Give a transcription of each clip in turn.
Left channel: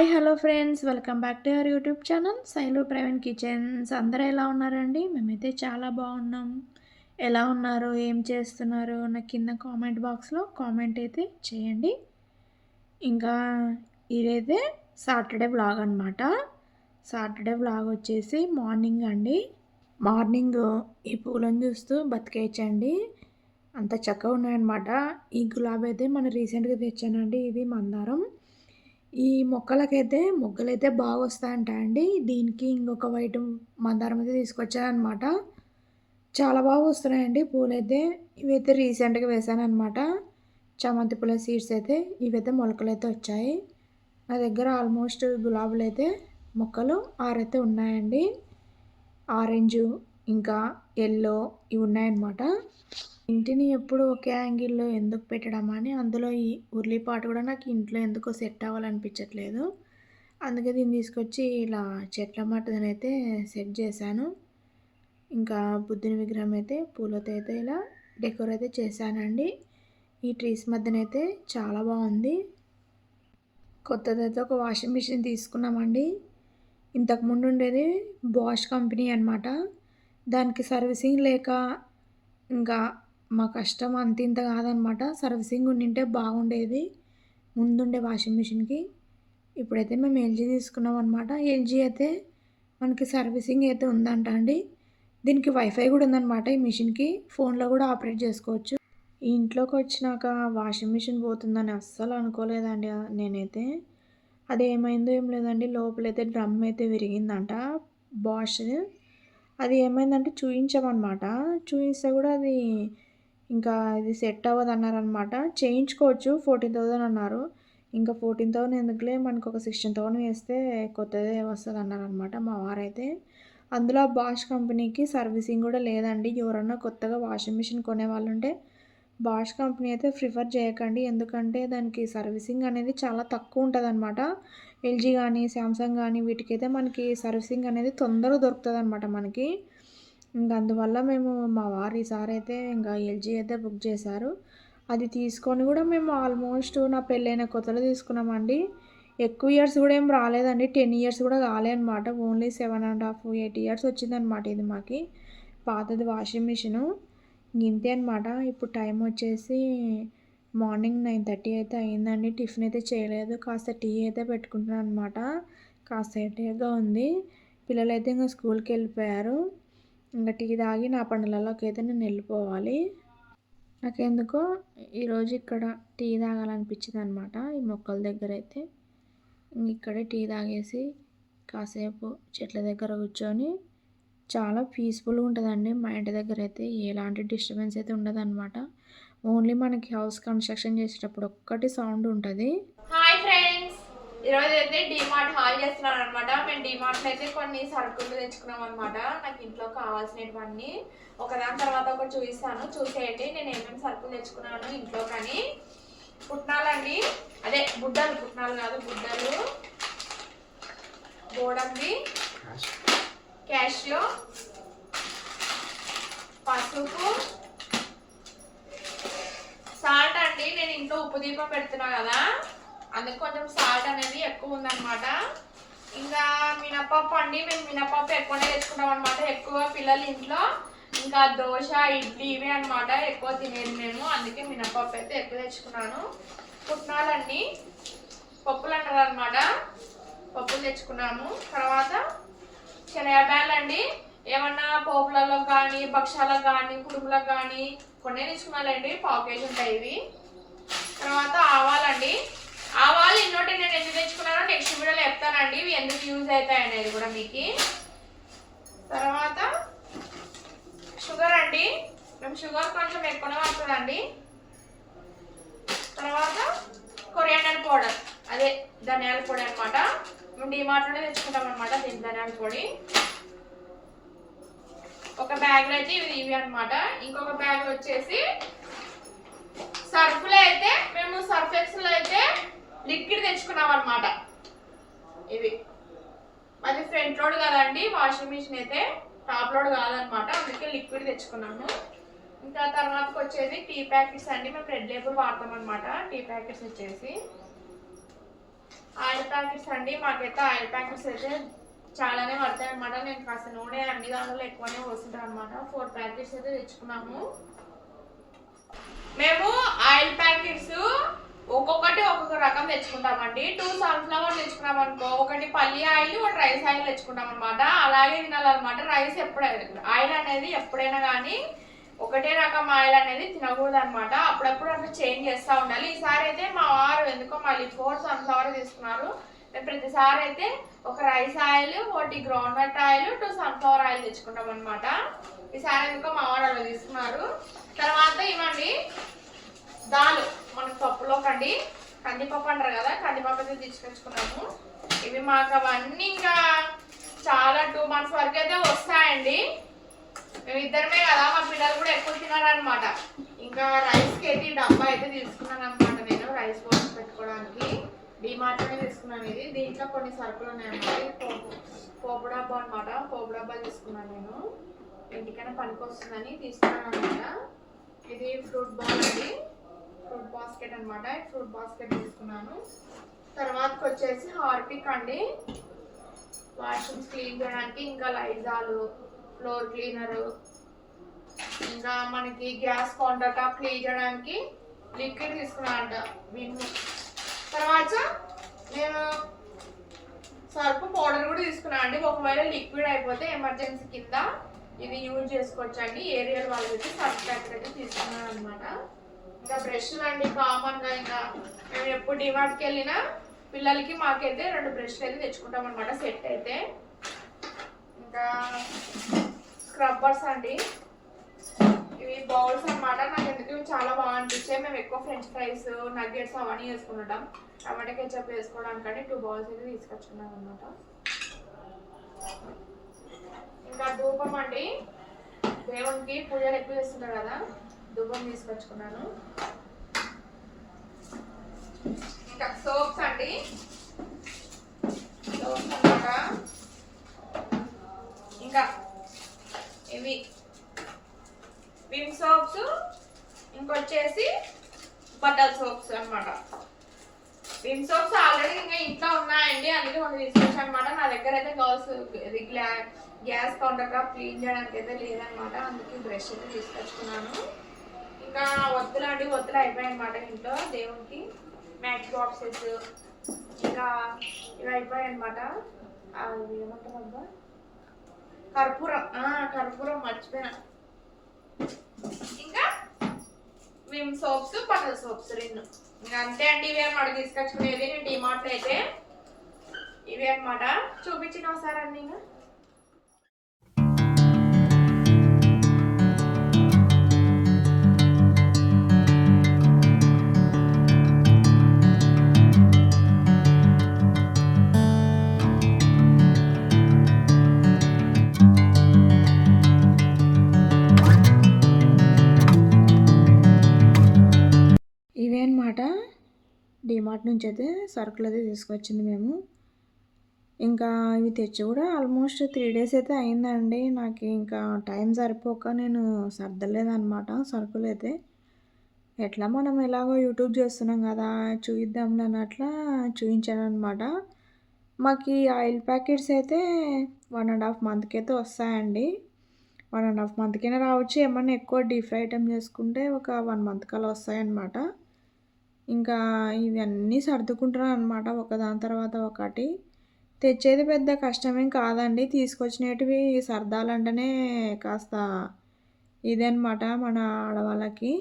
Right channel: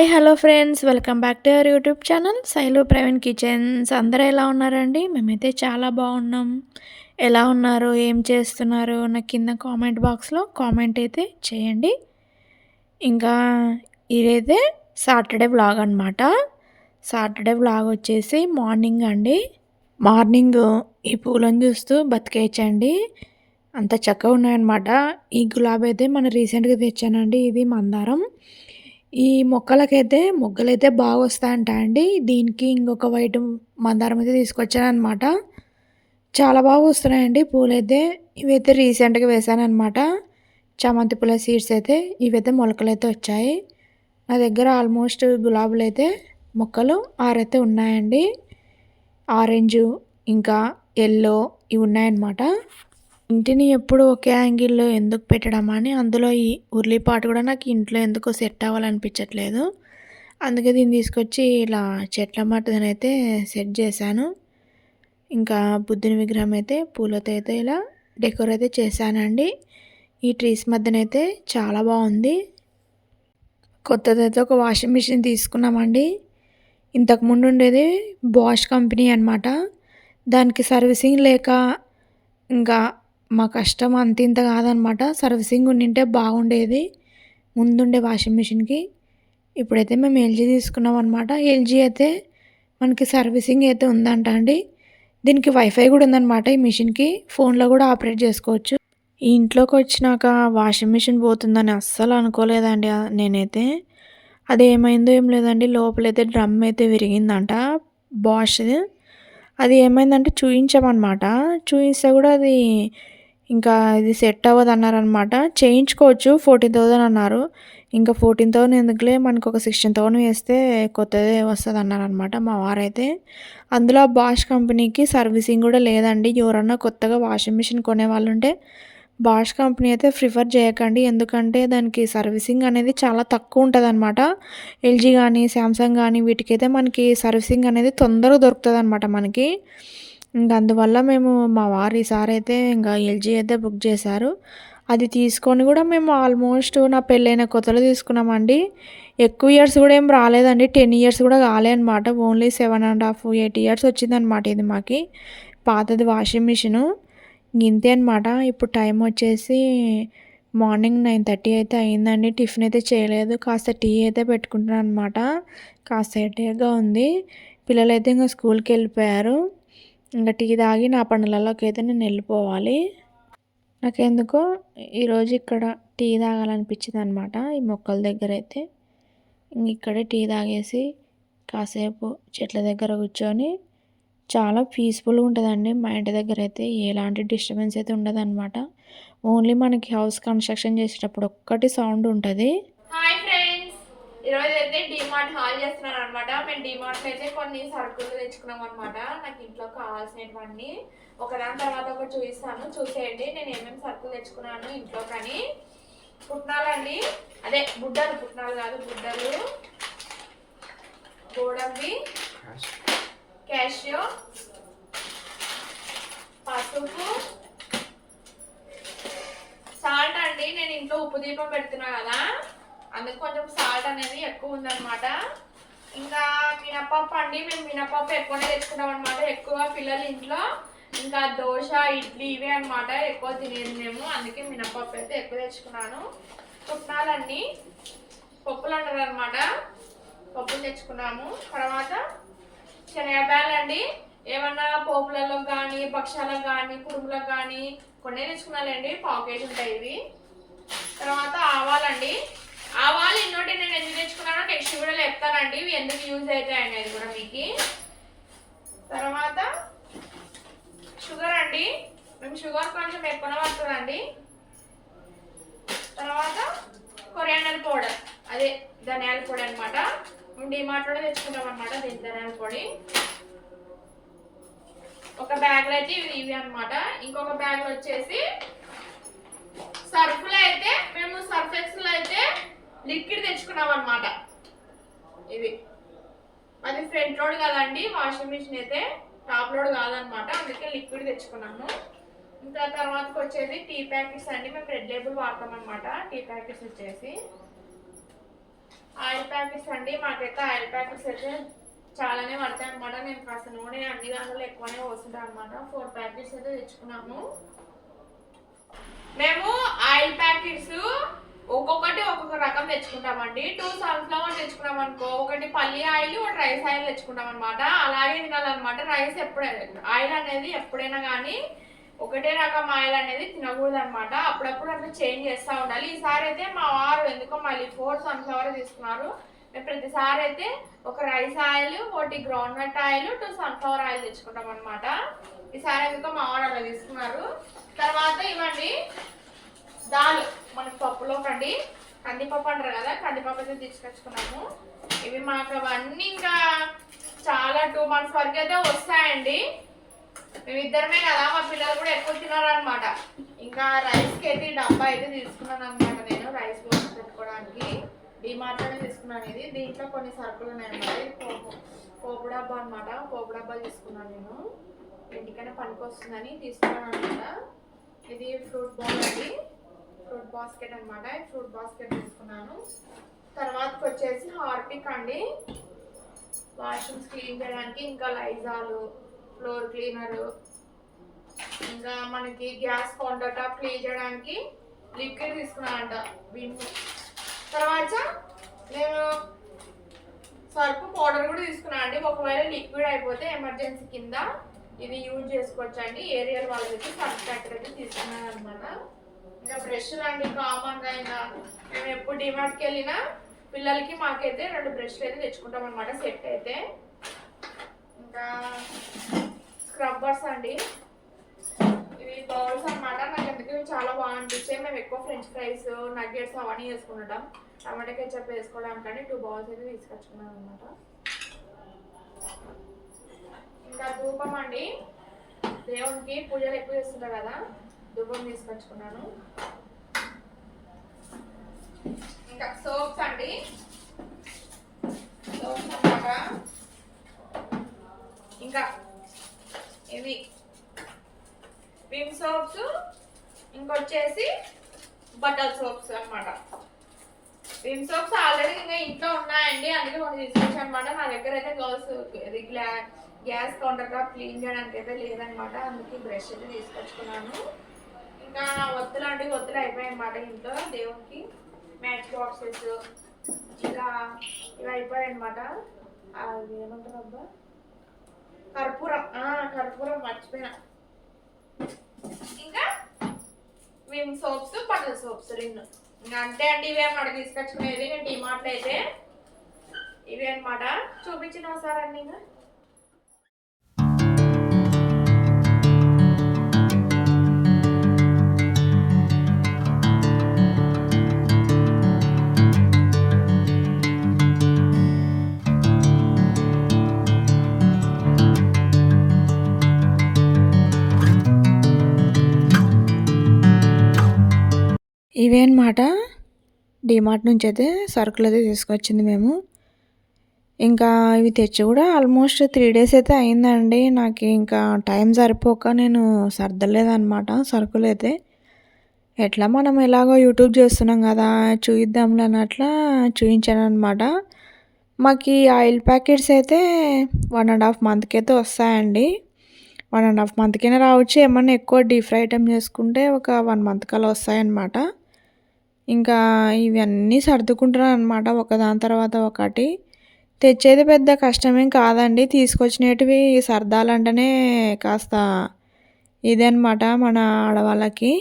Hi hello friends, welcome back to our YouTube channel Shailu Praveen kitchens. అందరూ ఎలా ఉన్నారండి? మేమైతే చాలా బాగున్నాం. ఎలా ఉన్నారు, ఏం చేస్తున్నారు, నాకు కింద కామెంట్ బాక్స్లో కామెంట్ అయితే చేయండి. ఇంకా ఇదైతే సాటర్డే వ్లాగ్ అనమాట. సాటర్డే వ్లాగ్ వచ్చేసి మార్నింగ్ అండి. మార్నింగ్ ఈ పూలను చూస్తూ బతికేయచ్చండి, అంత చక్కగా ఉన్నాయన్నమాట. ఈ గులాబీ అయితే మన రీసెంట్గా తెచ్చానండి, ఇది మందారం. ఈ మొగ్గలైతే బాగా వస్తాయంట అండి. దీనికి ఇంకొక వైట్ మందారం అయితే తీసుకొచ్చానమాట. చాలా బాగా వస్తున్నాయండి పూలైతే. ఇవైతే రీసెంట్గా వేసానమాట. చామంతి పూల సీడ్స్ అయితే ఇవైతే మొలకలైతే వచ్చాయి. నా దగ్గర ఆల్మోస్ట్ గులాబీలు అయితే మొక్కలు 6 అయితే ఉన్నాయండి. ఆరెంజు ఇంకా ఎల్లో ఇవి ఉన్నాయన్నమాట. ఇంటిని ఎప్పుడు ఒకే యాంగిల్లో ఎందుకు పెట్టడం అని, అందులో ఈ ఉర్లిపాటు కూడా నాకు ఇంట్లో ఎందుకో సెట్ అవ్వాలనిపించట్లేదు. అందుకే దీన్ని తీసుకొచ్చి ఇలా చెట్ల మట్టుదనైతే సెట్ చేశాను. ఇంకా బుద్ధుని విగ్రహం అయితే పూలతో అయితే ఇలా డెకోర్ అయితే చేశానండి. ఈ ట్రీస్ మధ్యనైతే చాలా బాగుంది. కొత్తదైతే ఒక వాషింగ్ మిషన్ తీసుకున్నామండి. ఇంతకుముందు ఉండేది బాష్ కంపెనీ అనమాట. దానికి సర్వీసింగ్ లేక ఇంకా మా కష్టం అంతింత కాదనమాట. సర్వీసింగ్ ఉండింటే బాగుండేది ముందుండే వాషింగ్ మిషన్కి. ఇప్పుడైతే మేము ఎల్జీ తీసుకున్నాం అనమాట. ఎల్జీ అయితే మనకి సర్వీసింగ్ అయితే ఉందంట అండి. దీనికి వైఫై కూడా ఉందన్నమాట. ఈ మిషన్కి ఫోన్లో కూడా ఆపరేట్ చేసుకోవచ్చు. ఈ ఇంట్లోకి వచ్చినాక వాషింగ్ మిషన్ పోతుందని అస్సలు అనుకోలేదండి నేనైతే. అది ఏమైందో ఏం లేదండి, లోపలైతే డ్రమ్ అయితే విరిగిందంట బాష్ది. అది ఏమైందంటే చూయించామన్నమాట. చూయిస్తే కూడా అది ఇంకా ఇది సెట్ అవ్వదు అన్నారనమాట. చేయించుకోవచ్చు 14,000 అన్నారు. ఇంకా 14,000 ఎందుకులే, మనకు ఒక 16,000 వేస్తే కొత్తదే వస్తుంది అన్నారనమాట మా వారైతే. అందులో బాష్ కంపెనీకి సర్వీసింగ్ కూడా లేదండి. ఎవరన్నా కొత్తగా వాషింగ్ మిషన్ కొనే వాళ్ళు ఉంటే బాష్ కంపెనీ అయితే ప్రిఫర్ చేయకండి. ఎందుకంటే దానికి సర్వీసింగ్ అనేది చాలా తక్కువ ఉంటుంది అనమాట. ఎల్జీ కానీ శాంసంగ్ కానీ వీటికైతే మనకి సర్వీసింగ్ అనేది తొందరగా దొరుకుతుంది అనమాట మనకి. ఇంకా అందువల్ల మేము మా వారు ఈసారి అయితే ఇంకా ఎల్జీ అయితే బుక్ చేశారు. అది తీసుకొని కూడా మేము ఆల్మోస్ట్ నా పెళ్ళైన కొత్తలో తీసుకున్నామండి. ఎక్కువ ఇయర్స్ కూడా ఏం రాలేదండి, 10 ఇయర్స్ కూడా కాలే అనమాట. ఓన్లీ 7.5 8 ఇయర్స్ వచ్చిందనమాట ఇది మాకి పాతది వాషింగ్ మిషను. ఇంతే అనమాట. ఇప్పుడు టైం వచ్చేసి మార్నింగ్ 9:30 అయితే అయిందండి. టిఫిన్ అయితే చేయలేదు, కాస్త టీ అయితే పెట్టుకుంటున్నాను అనమాట. కాస్త హెడేక్గా ఉంది. పిల్లలైతే ఇంకా స్కూల్కి వెళ్ళిపోయారు. ఇంకా టీ తాగి నా పనులలోకి అయితే నేను వెళ్ళిపోవాలి. నాకెందుకో ఈరోజు ఇక్కడ టీ తాగాలనిపించింది అనమాట. ఈ మొక్కల దగ్గర అయితే ఇక్కడే టీ తాగేసి కాసేపు చెట్ల దగ్గర కూర్చొని చాలా పీస్ఫుల్గా ఉంటుందండి. మా ఇంటి దగ్గర అయితే ఎలాంటి డిస్టర్బెన్స్ అయితే ఉండదన్నమాట. ఓన్లీ మనకి హౌస్ కన్స్ట్రక్షన్ చేసేటప్పుడు ఒక్కటి సౌండ్ ఉంటుంది. హాయ్ ఫ్రెండ్స్, ఈరోజు అయితే డిమార్ట్ హాల్ చేస్తున్నాను అనమాట. మేము డిమార్ట్లో అయితే కొన్ని సరుకులు తెచ్చుకున్నాం అనమాట. నాకు ఇంట్లో కావాల్సినవన్నీ ఒకదాని తర్వాత ఒకటి చూపిస్తాను, చూసేయండి నేను ఏమేమి సరుకులు తెచ్చుకున్నాను ఇంట్లో. కానీ పుట్నాలండి, అదే బుడ్డలు, పుట్నాలు కాదు బుడ్డలు, గోడంబి, క్యాషియో, పసుపు, సాల్ట్ అండి. నేను ఇంట్లో ఉప్పు దీపం పెడుతున్నా కదా, అందుకు కొంచెం సాల్ట్ అనేది ఎక్కువ ఉందన్నమాట. ఇంకా మినపప్పు అండి, మేము మినపప్పు ఎక్కువనే తెచ్చుకుంటాం అనమాట. ఎక్కువ పిల్లలు ఇంట్లో ఇంకా దోశ ఇడ్లీ ఇవే అనమాట ఎక్కువ తినేది మేము, అందుకే మినపప్పు అయితే ఎక్కువ తెచ్చుకున్నాను. పుట్నాలండి, పప్పులు అంటారు అనమాట, పప్పులు తెచ్చుకున్నాము. తర్వాత శనగబ్యాలు అండి, ఏమన్నా పోపులలో కానీ భక్షాలకు కానీ కుడుములకు కానీ కొన్ని తెచ్చుకున్నాలండి, 1/4 కేజీ ఉంటాయి ఇవి. తర్వాత ఆవాలండి, ఆవాలు ఇన్నోటి నేను ఎందుకు తెచ్చుకున్నానో నెక్స్ట్ వీడియోలో చెప్తానండి, ఇవి ఎందుకు యూజ్ అవుతాయి అనేది కూడా మీకు. తర్వాత షుగర్ అండి, మేము షుగర్ కొంచెం ఎక్కువనే పడుతుందండి. తర్వాత కొరియాండర్ పౌడర్, అదే ధనియాల పొడి అనమాట. మేము డిమార్ట్లోనే తెచ్చుకుంటాం అనమాట దీని ధనియాల పొడి. ఒక బ్యాగ్లో అయితే ఇవి అనమాట. ఇంకొక బ్యాగ్లో వచ్చేసి సర్ఫ్లో అయితే మేము సర్ఫ్ ఎక్స్లో అయితే లిక్విడ్ తెచ్చుకున్నాం అనమాట. ఇది అది ఫ్రంట్ లోడ్ కదండి, వాషింగ్ మిషన్ అయితే టాప్ లోడ్ కాదనమాట, అందుకే లిక్విడ్ తెచ్చుకున్నాము. ఇంకా తర్వాతకి వచ్చేది టీ ప్యాకెట్స్ అండి, మేము రెడ్ లేబుల్ వాడతాం అనమాట. టీ ప్యాకెట్స్ వచ్చేసి ఆయిల్ ప్యాకెట్స్ అండి. మాకైతే ఆయిల్ ప్యాకెట్స్ అయితే చాలానే పడతాయి అనమాట. నేను కాస్త నూనె అన్ని దానిలో ఎక్కువనే పోస్తుంటాను అనమాట. 4 ప్యాకెట్స్ అయితే తెచ్చుకున్నాము మేము. ఆయిల్ ప్యాకెట్స్ ఒక్కొక్కటి ఒక్కొక్క రకం తెచ్చుకుంటామండి. 2 సన్ఫ్లవర్ తెచ్చుకున్నాం అనుకో, ఒకటి పల్లి ఆయిల్, ఒకటి రైస్ ఆయిల్ తెచ్చుకుంటాం అనమాట. అలాగే తినాలన్నమాట. రైస్ ఎప్పుడైనా ఆయిల్ అనేది ఎప్పుడైనా కానీ ఒకటే రకం ఆయిల్ అనేది తినకూడదు అనమాట. అప్పుడప్పుడు అట్లా చేంజ్ చేస్తూ ఉండాలి. ఈసారి అయితే మా వారు ఎందుకో మళ్ళీ 4 సన్ఫ్లవర్ తీసుకున్నారు. మేము ప్రతిసారి అయితే ఒక రైస్ ఆయిల్, ఒకటి గ్రౌండ్నట్ ఆయిల్, 2 సన్ఫ్లవర్ ఆయిల్ తెచ్చుకుంటాం అనమాట. ఈసారి ఎందుకో మా వారు అలా తీసుకున్నారు. తర్వాత ఇవ్వండి దాల్, మనకు పప్పులోకండి కందిపప్పు అంటారు కదా, కందిపప్పు అయితే తీసుకొచ్చుకున్నాము. ఇవి మాకు అవన్నీ ఇంకా చాలా 2 months వరకు అయితే వస్తాయండి. మేము ఇద్దరమే కదా, మా పిల్లలు కూడా ఎక్కువ తినారనమాట. ఇంకా రైస్కి అయితే ఈ డబ్బా అయితే తీసుకున్నాను అనమాట. నేను రైస్ పోసి పెట్టుకోవడానికి డిమార్ట్లోనే తీసుకున్నాను. ఇది దీంట్లో కొన్ని సరుకులు ఉన్నాయన్నమాట. ఇది పోపు డబ్బా అనమాట. పోపు డబ్బాలు తీసుకున్నాను నేను, ఎందుకైనా పనికి వస్తుందని తీసుకున్నాను అనమాట. ఇది ఫ్రూట్ బాల్ అండి, ఫ్రూట్ బాస్కెట్ అనమాట. ఫ్రూట్ బాస్కెట్ తీసుకున్నాను. తర్వాతకి వచ్చేసి హార్పిక్ అండి, వాష్రూమ్స్ క్లీన్ చేయడానికి. ఇంకా లైజాలు, ఫ్లోర్ క్లీనరు, ఇంకా మనకి గ్యాస్ కౌంటర్ టాప్ క్లీన్ చేయడానికి లిక్విడ్ తీసుకున్నానంట, విమ్. తర్వాత నేను సర్ఫ్ పౌడర్ కూడా తీసుకున్నాను అండి. ఒకవేళ లిక్విడ్ అయిపోతే ఎమర్జెన్సీ కింద ఇది యూజ్ చేసుకోవచ్చు అండి. ఏరియల్ వాళ్ళకి సర్ఫ్ ప్యాకెట్ అయితే తీసుకున్నాను అనమాట. ఇంకా బ్రష్లు అండి, కామన్గా ఇంకా మేము ఎప్పుడు డిమార్ట్కి వెళ్ళినా పిల్లలకి మాకైతే 2 బ్రష్లు అయితే తెచ్చుకుంటాం అనమాట, సెట్ అయితే. ఇంకా స్క్రబ్బర్స్ అండి, ఇవి బౌల్స్ అనమాట. నాకు ఎందుకు ఇవి చాలా బాగా అనిపించాయి. మేము ఎక్కువ ఫ్రెంచ్ ఫ్రైస్, నగ్గెట్స్ అవన్నీ వేసుకుంటాం. టమాటా కెచప్ వేసుకోవడానికని 2 బౌల్స్ అయితే తీసుకొచ్చుకున్నాను అనమాట. ఇంకా ధూపం అండి, దేవునికి పూజలు ఎక్కువ చేస్తుంటారు కదా, ధూపం తీసుకొచ్చుకున్నాను. ఇంకా సోప్స్ అండి, సోప్స్ అనమాట. ఇంకా ఇవి విమ్ సోప్స్, ఇంకొచ్చేసి బట్టల్ సోప్స్ అనమాట. విమ్ సోప్స్ ఆల్రెడీ ఇంకా ఇంట్లో ఉన్నాయండి, అందుకే కొన్ని తీసుకొచ్చాను అనమాట. నా దగ్గర అయితే గ్యాస్ కౌంటర్ టాప్ క్లీన్ చేయడానికి అయితే లేదనమాట, అందుకే బ్రష్ అయితే తీసుకొచ్చుకున్నాను. ఇంకా ఒత్తులు అండి, ఒత్తులు అయిపోయాయి అనమాట ఇంట్లో. దేవునికి మ్యాచ్ బాక్సెస్, ఇంకా ఇవి అయిపోయాయి అనమాట. అది ఏమంటారు అబ్బా, కర్పూరం. కర్పూరం మర్చిపోయినా. ఇంకా విమ్ సోప్స్, బట్టల్ సోప్స్ 2. ఇంకా అంతే అండి, ఇవే అనమాట తీసుకొచ్చుకునేది నేను డిమార్ట్లో అయితే. ఇవే అనమాట, చూపించిన ఒకసారి అన్నీ. ఇంకా ఇవే అనమాట డిమార్ట్ నుంచి అయితే సరుకులు అయితే తీసుకొచ్చింది మేము. ఇంకా ఇవి తెచ్చి కూడా ఆల్మోస్ట్ 3 days అయితే అయిందండి. నాకు ఇంకా టైం సరిపోక నేను సర్దలేదనమాట సరుకులు అయితే. ఎట్లా మనం ఎలాగో యూట్యూబ్ చేస్తున్నాం కదా, చూయిద్దాంలే అన్నట్లా చూయించాను అనమాట. మాకు ఈ ఆయిల్ ప్యాకెట్స్ అయితే 1.5 monthకి అయితే వస్తాయండి. 1.5 monthకైనా రావచ్చు. ఏమన్నా ఎక్కువ డీప్ ఫ్రై ఐటెం చేసుకుంటే ఒక 1 month కల్లా వస్తాయన్నమాట. ఇంకా ఇవన్నీ సర్దుకుంటున్నాను అనమాట, ఒకదాని తర్వాత ఒకటి. తెచ్చేది పెద్ద కష్టమేం కాదండి, తీసుకొచ్చినటివి సర్దాలంటేనే కాస్త ఇదనమాట మన ఆడవాళ్ళకి.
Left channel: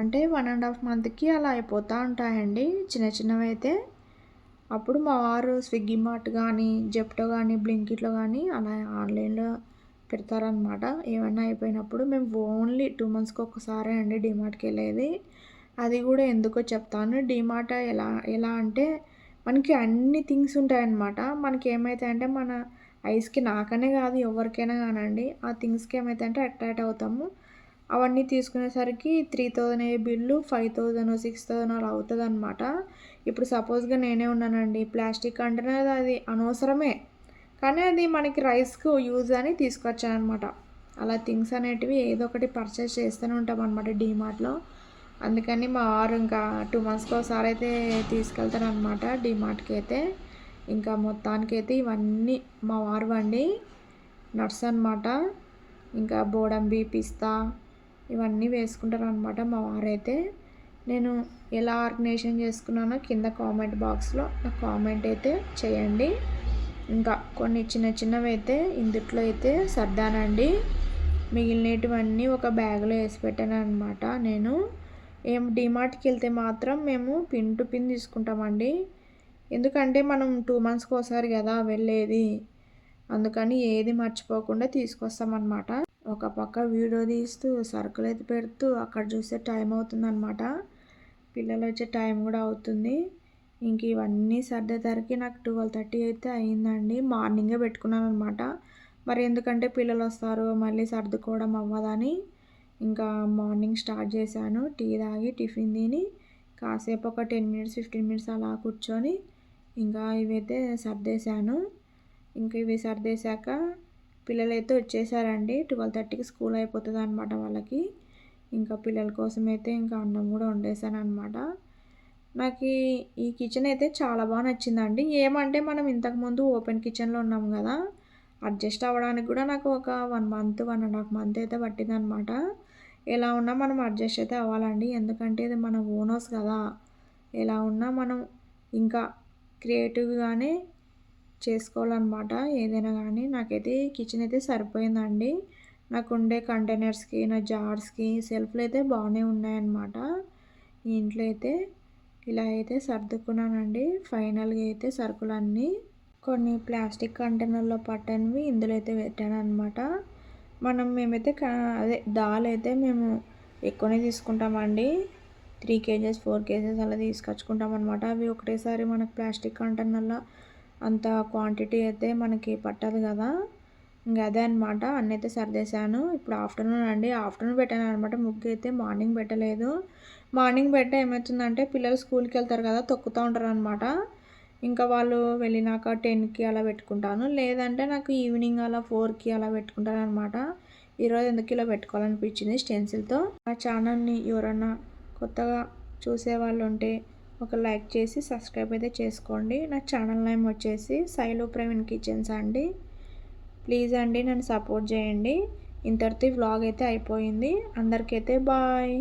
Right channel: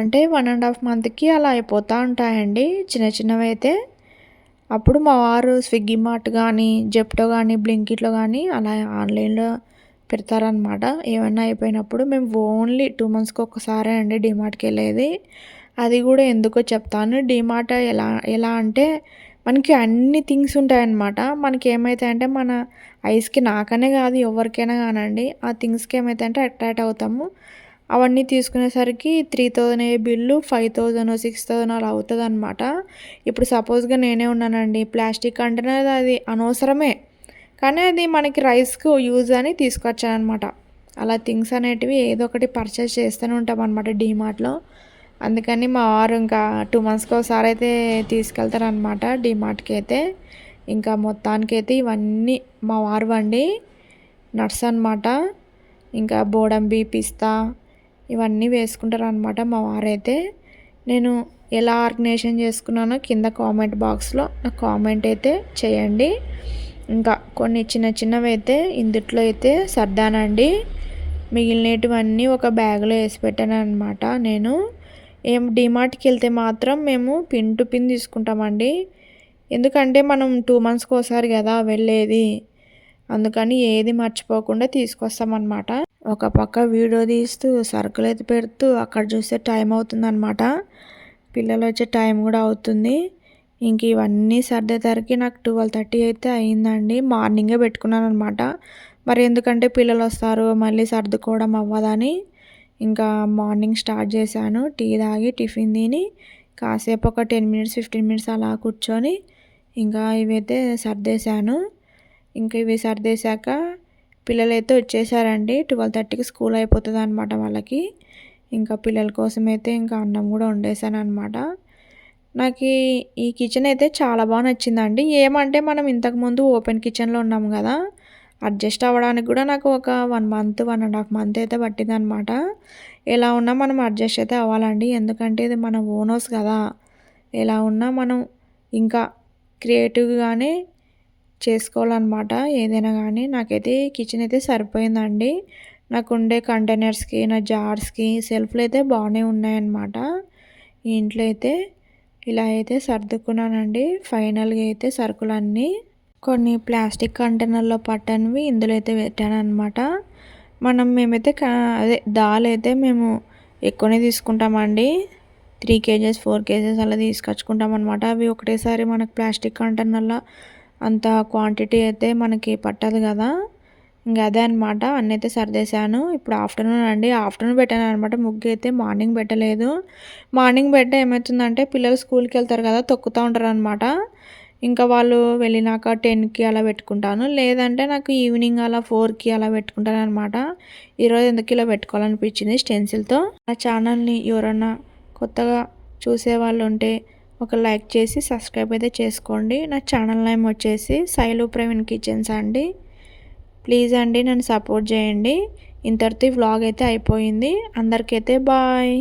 అంటే 1.5 monthకి అలా అయిపోతూ ఉంటాయండి చిన్న చిన్నవి అయితే. అప్పుడు మా వారు స్విగ్గీ మార్ట్ కానీ, జెప్టో కానీ, బ్లింకిట్లో కానీ అలా ఆన్లైన్లో పెడతారనమాట. ఏమైనా అయిపోయినప్పుడు మేము ఓన్లీ 2 monthsకి ఒక్కసారే అండి డిమార్ట్కి వెళ్ళేది. అది కూడా ఎందుకో చెప్తాను. డిమార్ట్ ఎలా ఎలా అంటే మనకి అన్ని థింగ్స్ ఉంటాయన్నమాట. మనకి ఏమవుతాయంటే మన ఐస్కి, నాకనే కాదు ఎవరికైనా కానండి, ఆ థింగ్స్కి ఏమవుతాయంటే అట్రాక్ట్ అవుతాము. అవన్నీ తీసుకునేసరికి 3000 బిల్లు, 5000, 6000 అలా అవుతుంది అనమాట. ఇప్పుడు సపోజ్గా నేనే ఉన్నానండి, ప్లాస్టిక్ కంటైనర్ అది అనవసరమే, కానీ అది మనకి రైస్కి యూజ్ అని తీసుకొచ్చాను అనమాట. అలా థింగ్స్ అనేటివి ఏదో ఒకటి పర్చేస్ చేస్తూనే ఉంటాం అనమాట డిమార్ట్లో. అందుకని మా వారు ఇంకా 2 మంత్స్‌కి ఒకసారి అయితే తీసుకెళ్తారనమాట డీమార్ట్‌కి అయితే. ఇంకా మొత్తానికైతే ఇవన్నీ మా వారివండి. నట్స్ అనమాట. ఇంకా బోడంబి, పిస్తా ఇవన్నీ వేసుకుంటారనమాట మా వారైతే. నేను ఎలా ఆర్గనైజేషన్ చేసుకున్నానో కింద కామెంట్ బాక్స్‌లో నాకు కామెంట్ అయితే చేయండి. ఇంకా కొన్ని చిన్న చిన్నవైతే ఇందుట్లో అయితే సర్దానండి. మిగిలినటివన్నీ ఒక బ్యాగ్‌లో ఏసి పెట్టాననమాట నేను. డీమార్ట్‌కెళ్తే మాత్రం మేము పిన్ టు పిన్ తీసుకుంటామండి. ఎందుకంటే మనం 2 మంత్స్‌కి ఒకసారి గదా వెళ్ళేది. అందుకని ఏది మర్చిపోకుండా తీసుకొస్తామనమాట. ఒక పక్క వీడియో తీస్తూ, సరుకులైతే పెడుతూ, అక్కడ చూస్తే టైం అవుతుందనమాట. పిల్లలొచ్చే టైం గూడా అవుతుంది. ఇంక ఇవన్నీ సర్దేసరికి నాకు 12:30 అయితే అయిందండి. మార్నింగే పెట్టుకున్నాననమాట. మరి ఎందుకంటే పిల్లలొస్తారు, మళ్ళీ సర్దుకోవడం అవ్వదని, ఇంకా మార్నింగ్ స్టార్ట్ చేశాను. టీ తాగి, టిఫిన్ తిని, కాసేపు ఒక 10 మినిట్స్, 15 మినిట్స్ అలా కూర్చొని, ఇంకా ఇవైతే సర్దేశాను. ఇంక ఇవి సర్దేశాక పిల్లలైతే వచ్చేసారండి. 12:30కి స్కూల్ అయిపోతదనమాట వాళ్ళకి. ఇంకా పిల్లల కోసమైతే ఇంకా అన్నం గూడా వండేసాననమాట. నాకీ ఈ కిచెన్ అయితే చాలా బా నచ్చిందండి. ఏమంటే మనం ఇంతకుముందు ఓపెన్ కిచెన్‌లో ఉన్నాం గదా! అడ్జస్ట్ అవ్వడానికి గూడా నాకు ఒక 1 మంత్, 1 ½ మంత్ అయితే పట్టిందనమాట. ఎలా ఉన్నా మనం అడ్జస్ట్ అయితే అవ్వాలండి. ఎందుకంటే ఇది మన ఓన్ హౌస్ గదా! ఎలా ఉన్నా మనం ఇంకా క్రియేటివ్‌గానే చేసుకోవాలనమాట ఏదైనా గానీ. నాకైతే కిచెన్ అయితే సరిపోయిందండి. నాకుండే కంటైనర్స్‌కి, నా జార్స్‌కి సెల్ఫ్‌లయితే బానే ఉన్నాయన్నమాట. ఈ ఇంట్లో అయితే ఇలా అయితే సర్దుకున్నానండి. ఫైనల్‌గా అయితే సరుకులన్నీ కొన్ని ప్లాస్టిక్ కంటైనర్‌లో పట్టనివి ఇందులో అయితే పెట్టాననమాట. మేమైతే అదే దాలైతే మేము ఎక్కువనే తీసుకుంటామండి. 3 కేజెస్, 4 కేజెస్ అలా తీసుకొచ్చుకుంటామనమాట. అవి ఒకటేసారి మనకు ప్లాస్టిక్ కంటైనర్‌లో అంత క్వాంటిటీ అయితే మనకి పట్టదు గదా! ఇంక అదే అనమాట. అన్నైతే సర్దేశాను. ఇప్పుడు ఆఫ్టర్‌నూన్ అండి. ఆఫ్టర్‌నూన్ పెట్టాననమాట ముగ్గైతే. మార్నింగ్ పెట్టలేదు. మార్నింగ్ పెడితే ఏమైతుందంటే పిల్లలు స్కూల్‌కెళ్తారు కదా! తొక్కుతా ఉంటారనమాట. ఇంకా వాళ్ళు వెళ్ళినాక 10కి అలా పెట్టుకుంటాను. లేదంటే నాకు ఈవినింగ్ అలా 4కి అలా పెట్టుకుంటాననమాట. ఈరోజు ఎందుకు ఇలా పెట్టుకోవాలనిపించింది స్టెన్సిల్‌తో. నా ఛానల్‌ని ఎవరన్నా కొత్తగా చూసేవాళ్ళుంటే ఒక లైక్ చేసి సబ్స్క్రైబ్ అయితే చేసుకోండి. నా ఛానల్ నేమ్ వచ్చేసి శైలు ప్రవీణ్ కిచెన్స్ అండి. ప్లీజ్ అండి నన్ను సపోర్ట్ చేయండి. ఇంతటితో ఈ వ్లాగ్ అయితే అయిపోయింది. అందరికైతే బాయ్.